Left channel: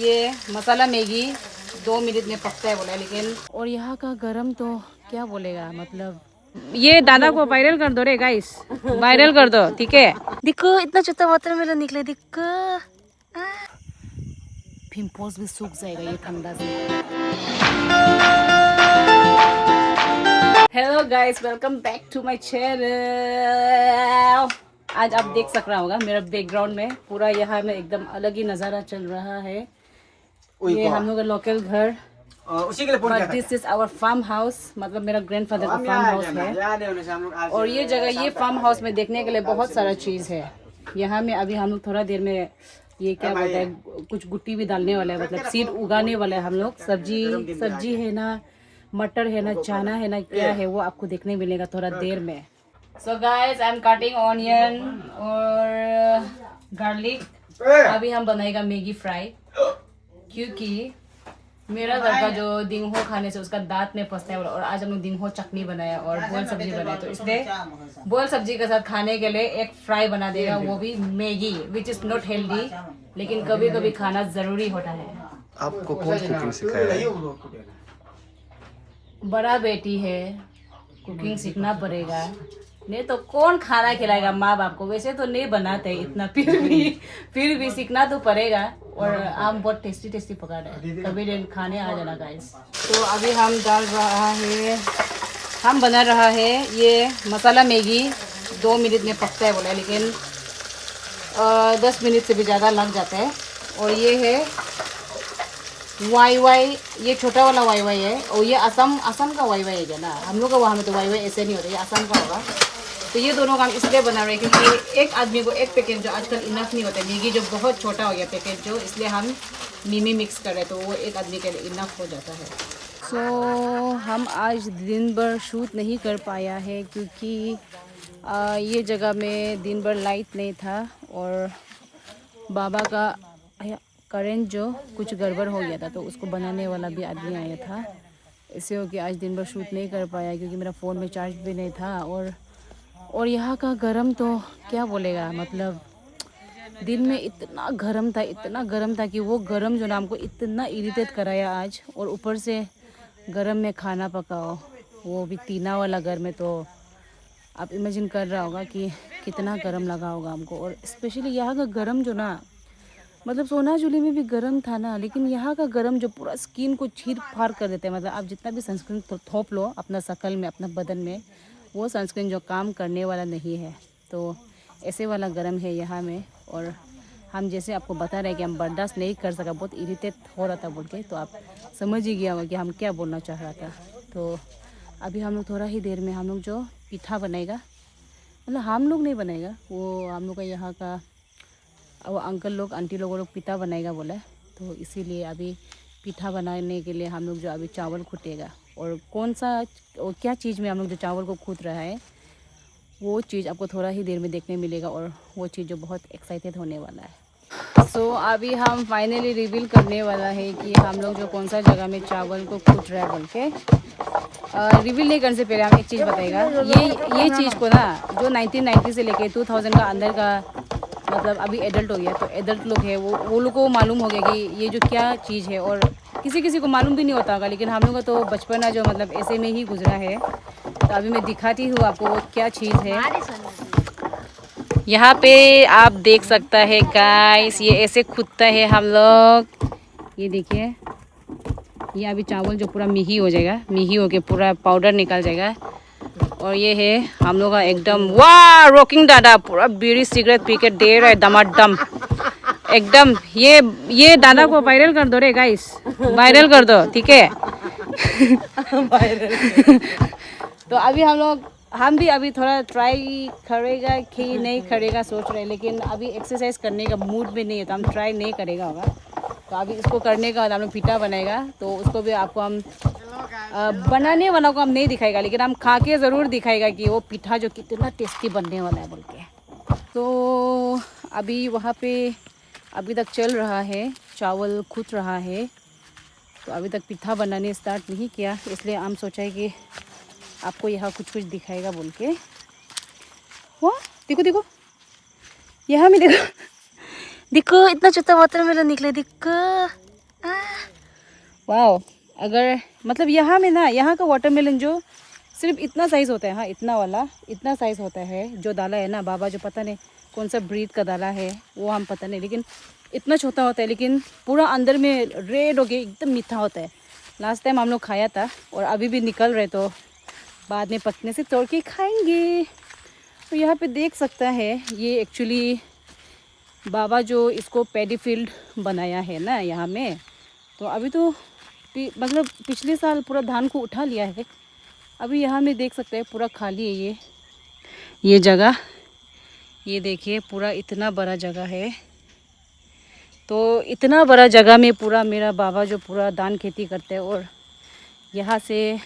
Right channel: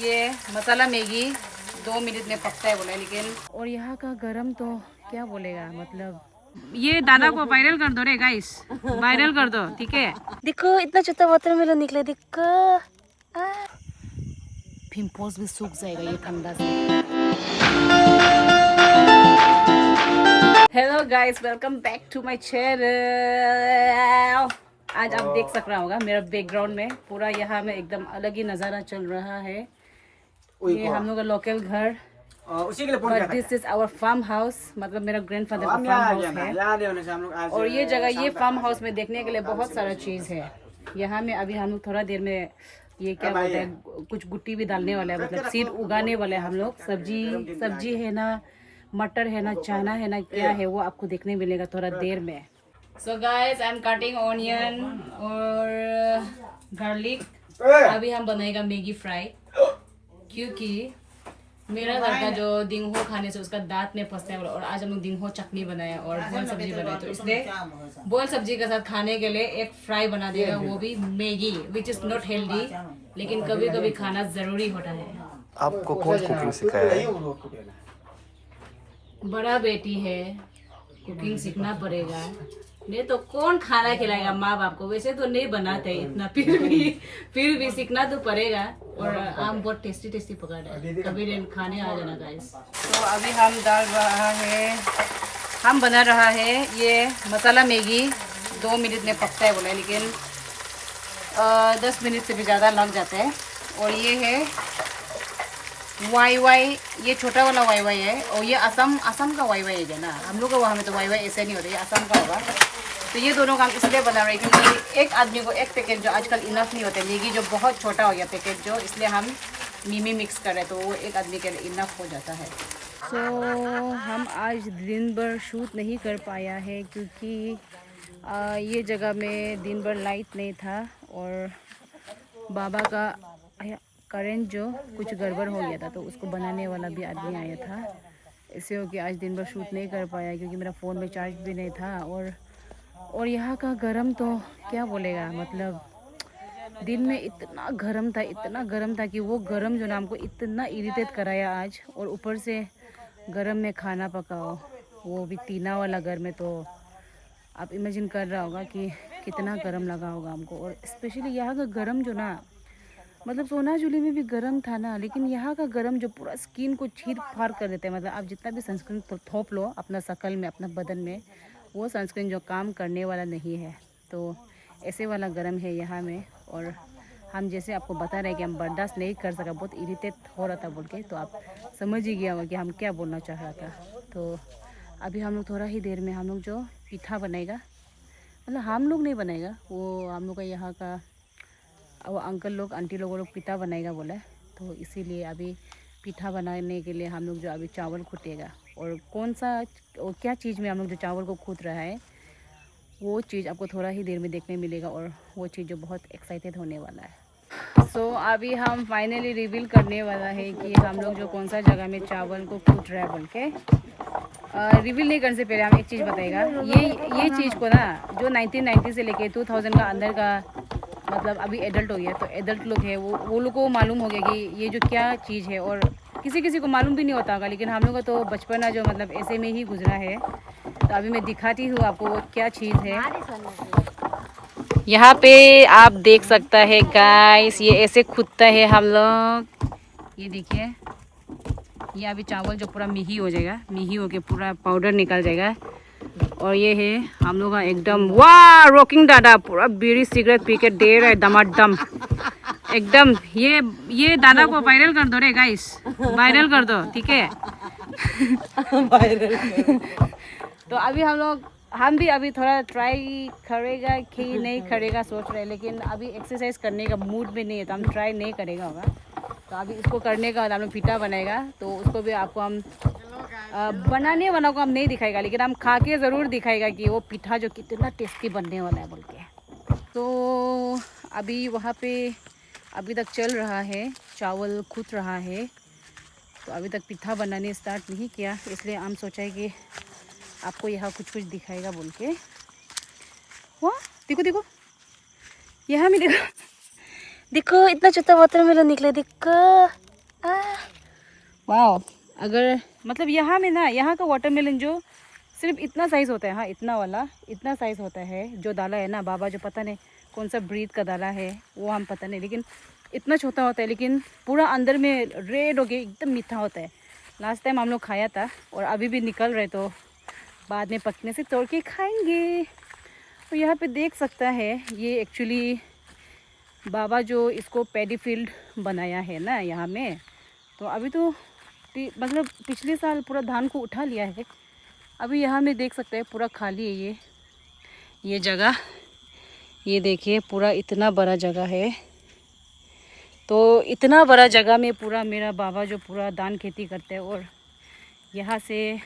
ये मसाला Maggi 2 minute में पकता है बोला, लेकिन और यहाँ का गरम तो क्या बोलेगा, मतलब ये दादा को वायरल कर दो रे गाइस, वायरल कर दो, ठीक है। देखो इतना छोटा वाटरमेलन निकला, देखो पिंपल्स भी सूख जाएगा ये ठंडा से। Hello guys, welcome back to my channel. आज आप देख सक रहा होगा मेरा बैकग्राउंड में पूरा यहाँ में एकदम अलग ही नज़ारा चल रहा है। ये हम लोग का लोकल घर, but this is our farm house, मतलब मेरा ग्रैंडफादर का फार्म हाउस है। और ये जगह, ये फार्म हाउस में देखने के लिए बहुत सारा चीज़ है। यहाँ में अभी हम लोग थोड़ा देर में ये क्या बोलते हैं, कुछ गुट्टी भी डालने वाला है, मतलब सीड उगाने वाला है हम लोग। सब्जी है ना, मटर है ना, चना है ना, क्या है वो आपको देखने मिलेगा थोड़ा देर में। So guys, I am cutting onion और गार्लिक। अभी हम बनाएगा मैगी फ्राई, क्योंकि मेरा घर का जो दिंगहो खाने से उसका दांत में फंसता है। और आज हम लोग दिंगहो चटनी बनाया और बॉयल सब्जी बनाया, तो इसलिए बॉयल सब्जी के साथ खाने के लिए एक फ्राई बना देगा, वो भी Maggi, which is not healthy, लेकिन कभी कभी खाना जरूरी होता है। आपको कौन कुकिंग सिखाया है? बड़ा बेटी है, कुकिंग सीखना पड़ेगा, नहीं तो कौन खाना खिलाएगा माँ बाप को। वैसे तो नहीं बनाते इतना, फिर भी सीखना तो पड़ेगा। और आम बहुत टेस्टी टेस्टी पका रहे हैं, कभी दिन खाने आ जाना गाइस। तो अभी हम बना रहा है ये मसाला मैगी। 2 मिनट में पकता है बोला, लेकिन 10 मिनट से भी ज़्यादा लग जाता है। और ये है वाई, ये छोटा वाला वाई है, और ये असम का वाई है क्या ना, हम लोग का वहाँ में तो वाई ऐसे नहीं होता, ये असम का होगा। तो ये दोनों काम इसलिए बना रहे हैं क्योंकि एक आदमी को एक पैकेट जो आजकल इनफ नहीं होता, मैगी जो बहुत छोटा हो गया पैकेट जो, इसलिए हम मिमी मिक्स कर रहे हैं, तो वो एक आदमी के लिए इनफ हो जाता है। सो हम आज दिन भर शूट नहीं कर पाया है, क्योंकि ये जगह में दिन भर लाइट नहीं था और बाबा का करेंट जो कुछ गड़बड़ हो गया था, तो उसको बनाने वाला भी आदमी आया था। इससे हो कि आज दिन भर शूट नहीं कर पाया, क्योंकि मेरा फ़ोन में चार्ज भी नहीं था। और यहाँ का गरम तो क्या बोलेगा, मतलब दिन में इतना गरम था कि वो गरम जो ना हमको इतना इरिटेट कराया आज। और ऊपर से गरम में खाना पकाओ, वो भी टीना वाला घर में, तो आप इमेजिन कर रहा होगा कि कितना गरम लगा होगा हमको। और स्पेशली यहाँ का गरम जो ना, मतलब सोनाजुली में भी गर्म था ना, लेकिन यहाँ का गर्म जो पूरा स्किन को चीर फाड़ कर देते हैं। मतलब आप जितना भी सनस्क्रीन थोप लो अपना शकल में, अपना बदन में, वो सनस्क्रीन जो काम करने वाला नहीं है। तो ऐसे वाला गर्म है यहाँ में। और हम जैसे आपको बता रहे हैं कि हम बर्दाश्त नहीं कर सका, बहुत इरिटेट हो रहा था बोल के, तो आप समझ ही गया होगा कि हम क्या बोलना चाह रहा था। तो अभी हम लोग थोड़ा ही देर में हम लोग जो पिठा बनाएगा, मतलब हम लोग नहीं बनाएगा, वो हम लोग का यहाँ का वो अंकल लोग आंटी लोग पिठा बनाएगा बोला है। तो इसीलिए अभी पिठा बनाने के लिए हम लोग जो अभी चावल कूटेगा, और कौन सा और क्या चीज़ में हम लोग जो चावल को कूट रहा है, वो चीज़ आपको थोड़ा ही देर में देखने मिलेगा। और वो चीज़ जो बहुत एक्साइटेड होने वाला है। सो अभी हम फाइनली रिवील करने वाला है कि हम लोग जो कौन सा जगह में चावल को कूट रहा है बोल के। रिवील नहीं करने से पहले हम एक चीज़ बताएगा, ये चीज़ को ना जो 1990 से लेके 2000 का अंदर का, मतलब अभी एडल्ट हो गया, तो एडल्ट लोग है वो लोग को मालूम हो गया कि ये जो क्या चीज़ है। और किसी को मालूम भी नहीं होता होगा, लेकिन हम लोग का तो बचपना जो मतलब ऐसे में ही गुजरा है। तो अभी मैं दिखाती हूँ आपको वो क्या चीज़ है। यहाँ पे आप देख सकता है गाइस, ये ऐसे खुदता है हम लोग, ये देखिए। ये अभी चावल जो पूरा मिही हो जाएगा, मिही होके पूरा पाउडर निकल जाएगा। और ये है हम लोग का एकदम वाह रॉकिंग दादा, पूरा बीड़ी सिगरेट पी के दे रहा है दमादम एकदम। ये दादा को वायरल कर दो रे गाइस, वायरल कर दो, ठीक है। तो अभी हम भी अभी थोड़ा ट्राई करेगा कि नहीं करेगा सोच रहे हैं, लेकिन अभी एक्सरसाइज करने का मूड में नहीं है, तो हम ट्राई नहीं करेगा होगा। तो अभी इसको करने का हम लोग पिठा बनाएगा, तो उसको भी आपको हम बनाने वाला को हम नहीं दिखाएगा, लेकिन हम खा के ज़रूर दिखाएगा कि वो पिठा जो कितना टेस्टी बनने वाला है बोल के। तो अभी वहाँ पे अभी तक चल रहा है, चावल कूट रहा है, तो अभी तक पिठा बनाने स्टार्ट नहीं किया, इसलिए हम सोचा है कि आपको यहाँ कुछ दिखाएगा बोल के। वाह देखो यहाँ में देखो इतना छोटा वाटरमेलन निकला, देखो वाह, अगर मतलब यहाँ में ना, यहाँ का वाटरमेलन जो सिर्फ इतना साइज़ होता है, हाँ इतना वाला, इतना साइज़ होता है जो डाला है ना बाबा, जो पता नहीं कौन सा ब्रीड का डाला है वो हम पता नहीं, लेकिन इतना छोटा होता है, लेकिन पूरा अंदर में रेड हो गया, एकदम मीठा होता है। लास्ट टाइम हम लोग खाया था और अभी भी निकल रहे, तो बाद में पकने से तोड़ के खाएंगे। तो यहाँ पे देख सकता है, ये एक्चुअली बाबा जो इसको पैडी फील्ड बनाया है ना यहाँ में, तो अभी तो मतलब पिछले साल पूरा धान को उठा लिया है। अभी यहाँ में देख सकते हैं पूरा खाली है ये जगह। ये देखिए पूरा इतना बड़ा जगह है, तो इतना बड़ा जगह में पूरा मेरा बाबा जो पूरा धान खेती करते हैं, और यहाँ से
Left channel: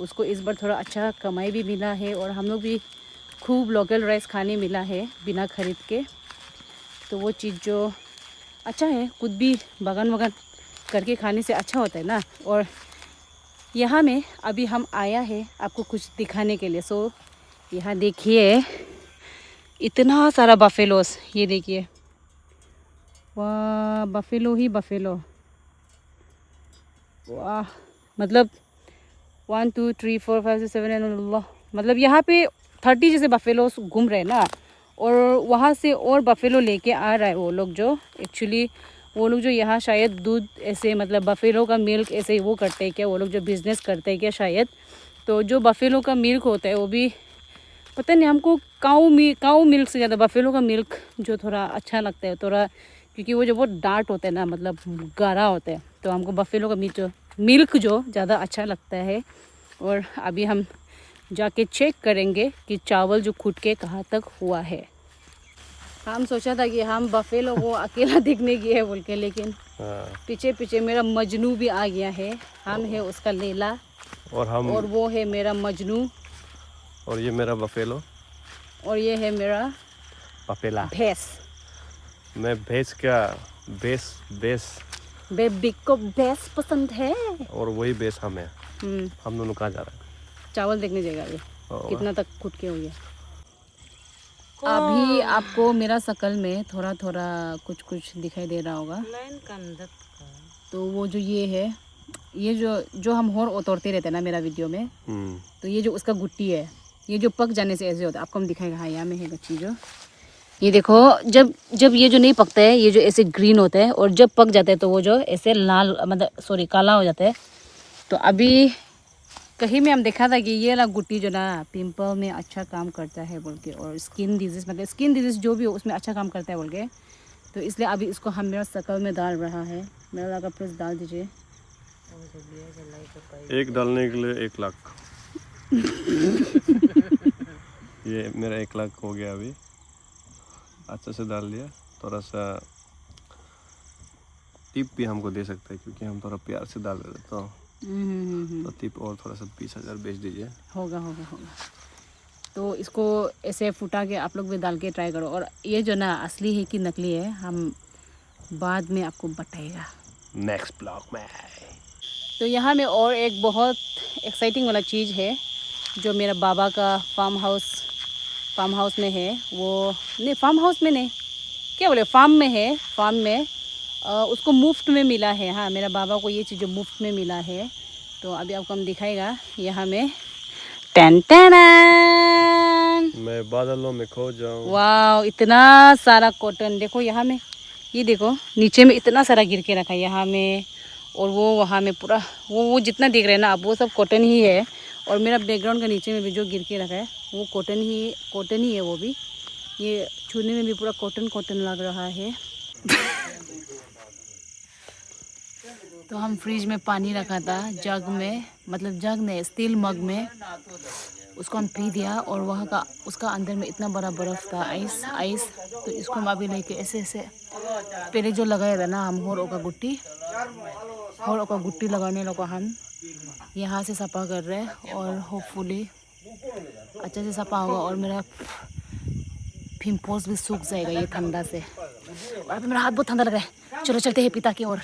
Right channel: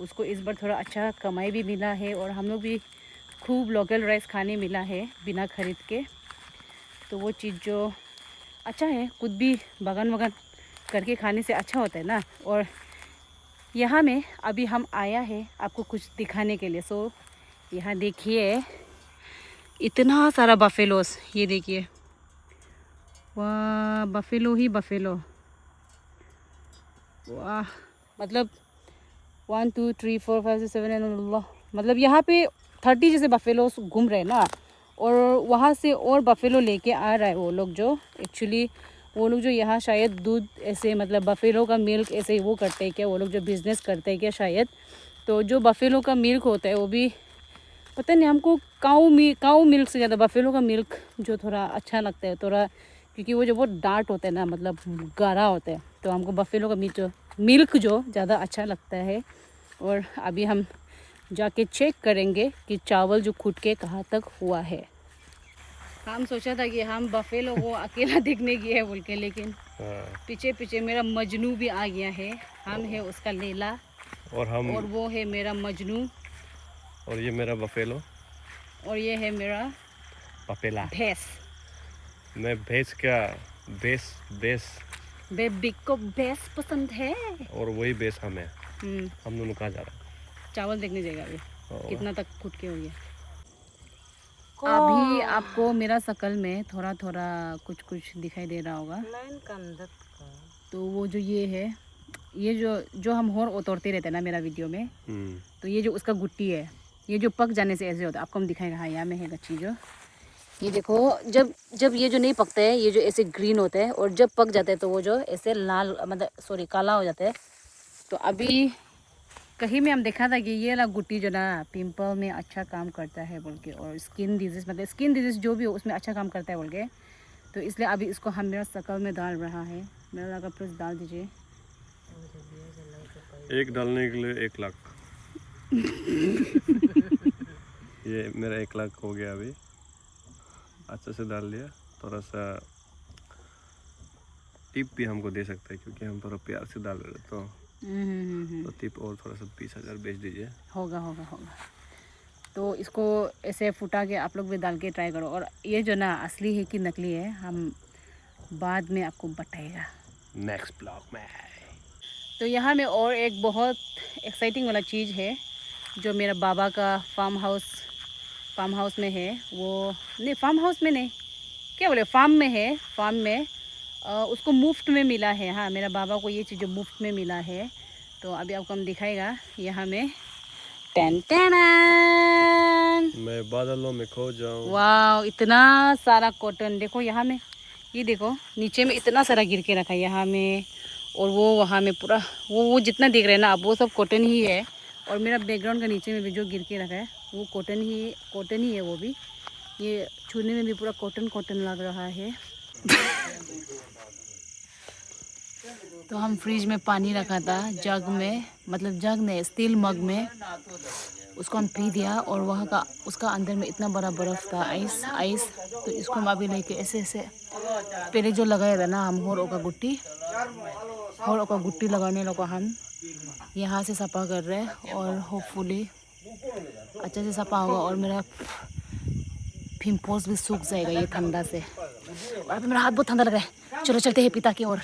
उसको इस बार थोड़ा अच्छा कमाई भी मिला है, और हम लोग भी खूब लोकल राइस खाने मिला है बिना खरीद के। तो वो चीज़ जो अच्छा है, खुद भी बागान वागान करके खाने से अच्छा होता है ना। और यहाँ में अभी हम आया है आपको कुछ दिखाने के लिए। सो यहाँ देखिए इतना सारा बफेलोस, ये देखिए, वाह बफेलो ही बफेलो, वाह मतलब 1 2 3 4 5 6 7 8, मतलब यहाँ पे 30 जैसे बफेलोस घूम रहे हैं ना, और वहाँ से और बफेलो लेके आ रहा है वो लोग, जो एक्चुअली वो लोग जो यहाँ शायद दूध ऐसे मतलब बफेलो का मिल्क ऐसे वो करते हैं क्या, वो लोग जो बिज़नेस करते हैं क्या शायद। तो जो बफेलो का मिल्क होता है वो भी पता नहीं, हमको काऊ मिल्क से ज़्यादा बफेलो का मिल्क जो थोड़ा अच्छा लगता है थोड़ा, क्योंकि वो जो बहुत डार्क होता है ना, मतलब गाढ़ा होता है, तो हमको बफेलो का मिल्क जो ज़्यादा अच्छा लगता है। और अभी हम जाके चेक करेंगे कि चावल जो खुद के कहाँ तक हुआ है। हम सोचा था कि हम बफेलो को अकेला देखने गए हैं बोल के, लेकिन पीछे पीछे मेरा मजनू भी आ गया है। हम है उसका लेला, और वो है मेरा मजनू, और ये मेरा बफेलो, और ये है मेरा पपेला, भैंस। मैं भैंस क्या बेस बेबी को भैंस पसंद है, और वही बेस हमें। हम दोनों कहाँ जा रहे हैं? चावल देखने जाएगा अभी कितना तक खुद के हो गया। अभी आपको मेरा शकल में थोड़ा थोड़ा कुछ कुछ दिखाई दे रहा होगा। तो वो जो ये है, ये जो हम होर उतरते रहते हैं ना मेरा वीडियो में, तो ये जो उसका गुट्टी है, ये जो पक जाने से ऐसे होता है, आपको हम दिखाएगा। हाँ यहाँ में है गच्ची जो, ये देखो जब ये जो नहीं पकता है ये जो ऐसे ग्रीन होता है, और जब पक जाता है तो वो जो ऐसे लाल मतलब सॉरी काला हो जाता है। तो अभी कहीं में हम देखा था कि ये ना गुट्टी जो ना पिंपल में अच्छा काम करता है बोल के, और स्किन डिजीज़ मतलब स्किन डिजीज़ जो भी हो उसमें अच्छा काम करता है बोल के। तो इसलिए अभी इसको हम मेरा शकल में डाल रहा है। मेरा लगा प्लीज़ डाल दीजिए। एक डालने के लिए 1 लाख। ये मेरा 1 लाख हो गया अभी, अच्छे से डाल दिया। थोड़ा सा टिप भी हमको दे सकता है क्योंकि हम थोड़ा प्यार से डाल रहे, तो टिप और थोड़ा सा 20,000 बेच दीजिए। होगा। तो इसको ऐसे फुटा के आप लोग भी डाल के ट्राई करो। और ये जो ना असली है कि नकली है हम बाद में आपको बताएगा नेक्स्ट ब्लॉग में। तो यहाँ में और एक बहुत एक्साइटिंग वाला चीज़ है जो मेरा बाबा का फार्म हाउस में है। वो नहीं, फार्म हाउस में नहीं, क्या बोले, फार्म में है। फार्म में उसको मुफ्त में मिला है। हाँ, मेरा बाबा को ये चीज़ मुफ्त में मिला है। तो अभी आपको हम दिखाएगा यहाँ में। टन टन, मैं बादलों में खो जाऊँ। वाह, इतना सारा कॉटन देखो यहाँ में। ये देखो नीचे में इतना सारा गिर के रखा है यहाँ में, और वो वहाँ में पूरा वो जितना दिख रहा है ना अब वो सब कॉटन ही है। और मेरा बैकग्राउंड का नीचे में भी जो गिर के रखा है वो कॉटन ही है वो भी। ये छूने में भी पूरा कॉटन लग रहा है। तो हम फ्रिज में पानी रखा था जग में, मतलब जग में स्टील मग में, उसको हम पी दिया। और वहाँ का उसका अंदर में इतना बड़ा बर्फ़ था, आइस। तो इसको हम अभी लेके ऐसे पहले जो लगाया था ना हम होर का गुट्टी लगाने लगा हम यहाँ से सफ़ा कर रहे हैं। और होपफुली अच्छे से सफ़ा होगा और मेरा पिंपल्स भी सूख जाएगा ये ठंडा से। और अभी मेरा हाथ बहुत ठंडा लग रहा है। चलो चलते हैं पिता की ओर।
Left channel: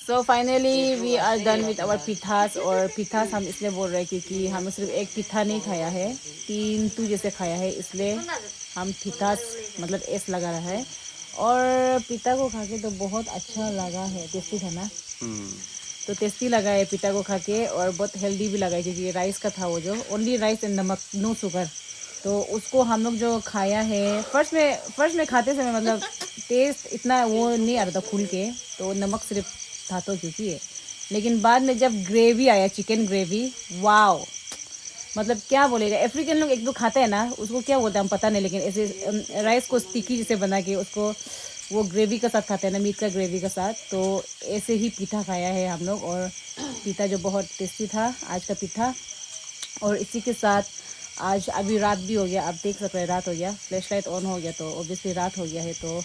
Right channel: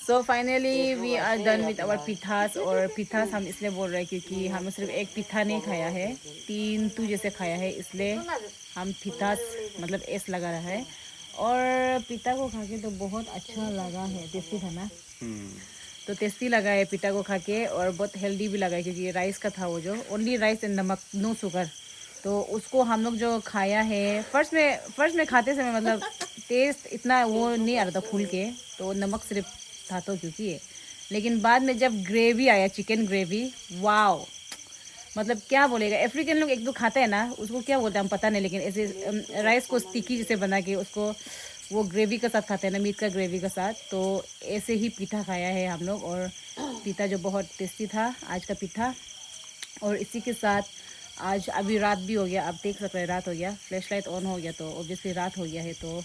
So finally we are done with our pithas. और पिठास हम इसलिए बोल रहे हैं क्योंकि हम सिर्फ एक पिठा नहीं खाया है, 3 जैसे खाया है, इसलिए हम पिठास मतलब एस लगा रहा है। और पिता को खा के तो बहुत अच्छा लगा है, टेस्टी था ना। तो टेस्टी लगा है पिता को खा के, और बहुत हेल्दी भी लगा है क्योंकि राइस का था वो, जो ओनली राइस एंड नमक, नो शुगर। तो उसको हम लोग जो खाया है, फर्स्ट में खाते समय मतलब टेस्ट इतना वो नहीं आ रहा था खुल के, तो नमक सिर्फ था तो क्योंकि है। लेकिन बाद में जब ग्रेवी आया, चिकन ग्रेवी, वाओ, मतलब क्या बोलेगा। अफ्रीकन लोग एक दो खाते हैं ना, उसको क्या बोलते हैं हम पता नहीं, लेकिन ऐसे राइस को स्टिकी जैसे बना के उसको वो ग्रेवी के साथ खाते हैं ना, मीट का ग्रेवी के साथ। तो ऐसे ही पीठा खाया है हम लोग, और पीठा जो बहुत टेस्टी था आज का पीठा। और इसी के साथ आज अभी रात भी हो गया, आप देख सकते हैं रात हो गया, फ्लैश लाइट ऑन हो गया तो ऑब्वियसली रात हो गया है। तो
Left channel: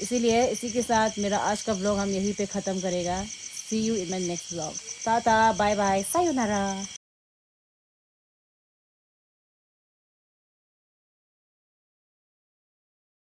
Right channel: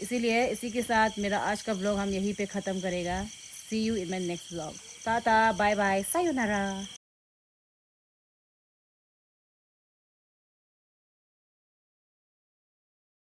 इसीलिए इसी के साथ मेरा आज का व्लॉग हम यहीं पे ख़त्म करेगा। See you in my next vlog. Tata, bye bye, sayonara.